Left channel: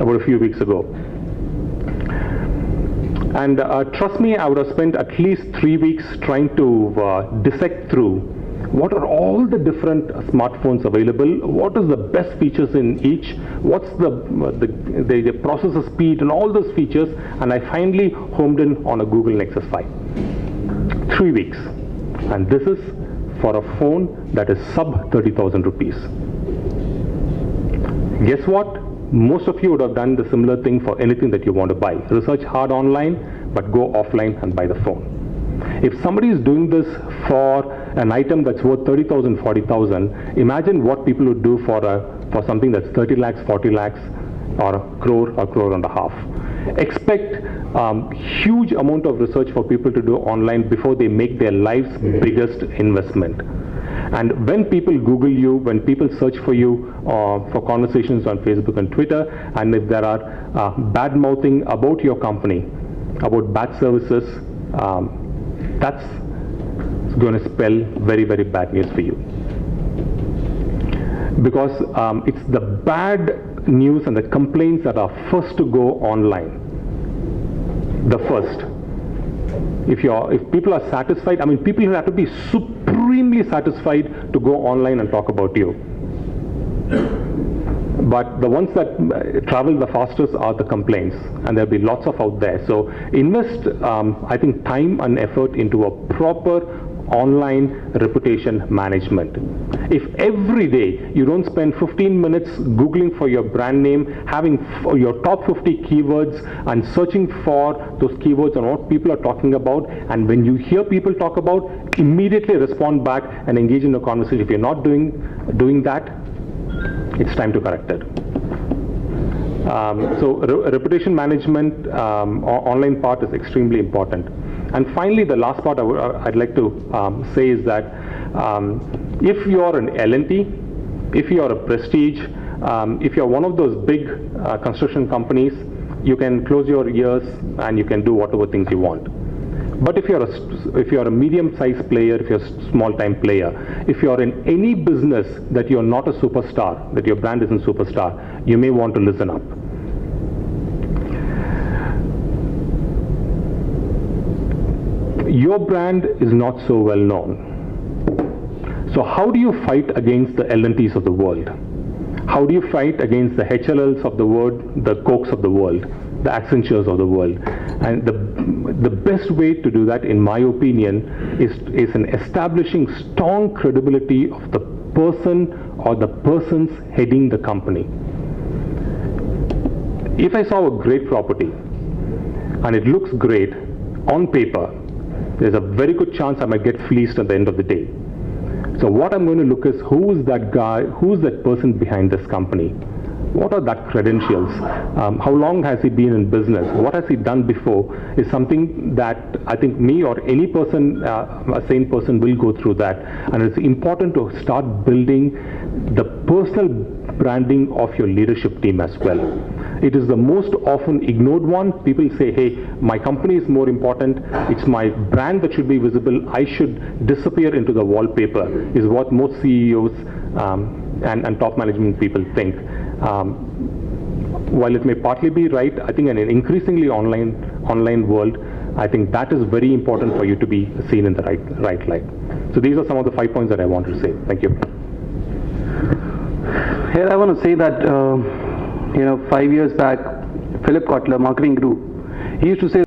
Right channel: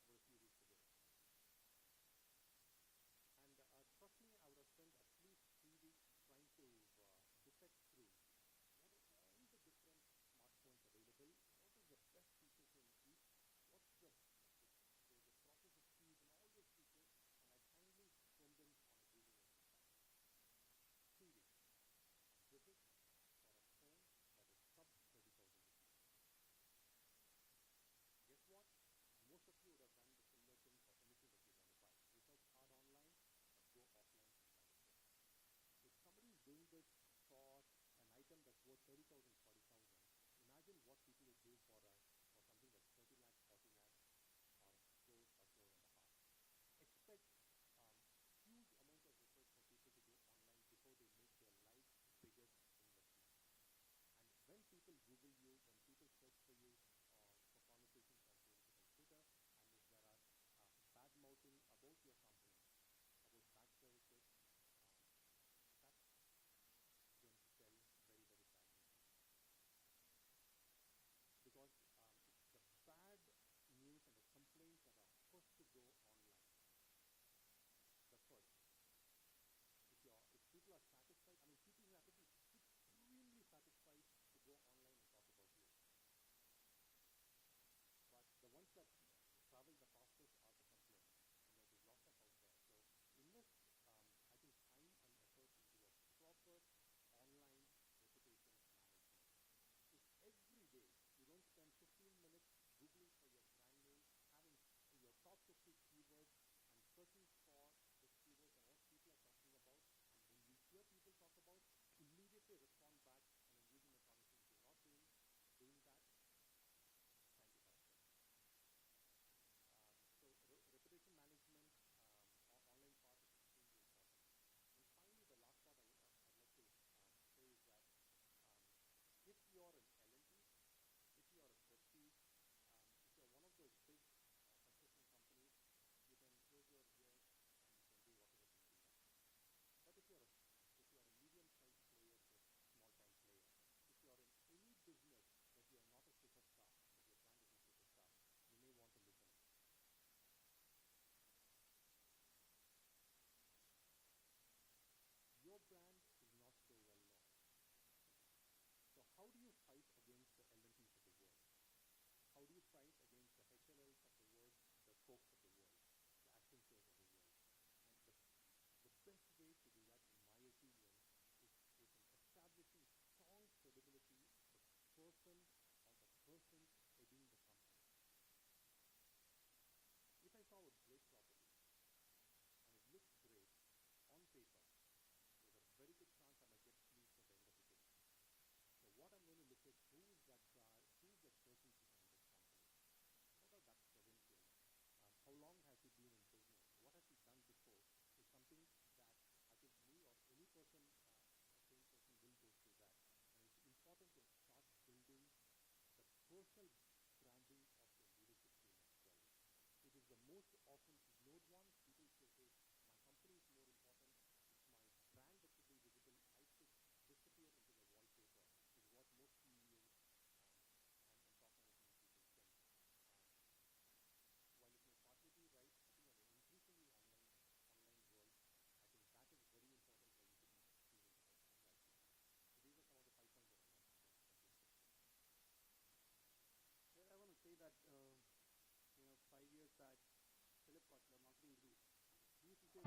about a few weeks ago. And trust me, I would have spent at least 3 weeks trying to dissect through what are all the different smartphones available, what is the best features in each, what's the processor speed and all those features, and I finally homed in on a Google Nexus 5. 3 weeks. And this is for a phone that is sub 30,000 rupees. Guess what? Most of you would have done the similar thing for anything that you want to buy. Research hard online, but go offline and buy the phone. If somebody is doing this for an item that's worth 30,000, 40,000, imagine what people would do for something that's 30 lakhs, 40 lakhs, or a crore and a half. Expect huge amount of research for people to do online before they make their life's biggest investment. And when people Google you, when people search for you for conversations on Facebook and Twitter, and if there are bad mouthing about your company, about bad services, that's going to spell very, very bad news for you. Because it's the bad news and the complaints that are first to go online. The first. If people are satisfied, I mean, people have to be supremely satisfied to go online and talk about you. But the ones that travel the fastest are the complaints, and there'll be lots of out there. So invest, I think, time and effort into a proper online reputation management. If every day you don't spend 15 minutes Googling for your brand name, having your top 50 keywords and searching for those keywords and what people are talking about, and when you hear people talk about, immediately respond back and engage in a conversation. If you're not doing that, it's time to correct it. So reputation management, online part is extremely important. And finally, the last part I'd like to say is that if you're an L&T, if you're a Prestige, if you're one of those big construction companies, you can close your ears and you can do whatever things you want. But if you're a medium-sized player, if you're a small-time player, if you're in any business that you're not a superstar, that your brand isn't superstar, you may want to listen up. Your brand is not so well known. So how do you fight against the L&Ts of the world? How do you fight against the HLLs of the world, the Cokes of the world, the Accentures of the world? And the best way to do that, in my opinion, is in establishing strong credibility of the person or the persons heading the company. If I saw a great property and it looks great on paper, there's a very good chance I might get fleeced at the end of the day. So what I'm going to look is, who is that guy, who is that person behind this company? What are that credentials? How long has he been in business? What has he done before? Is something that I think me or any person, a sane person, will go through that. And it's important to start building the personal branding of your leadership team as well. It is the most often ignored one. People say, hey, my company is more important. It's my brand that should be visible. I should disappear into the wallpaper, is what most CEOs and top management people think. While it may partly be right, I think in an increasingly online world, I think that is very important for you to be seen in the right light. So these are some of the 5 points that I want to say. Thank you. Here I want to say that 5 years back, Philip Kotler, marketing guru, he used to say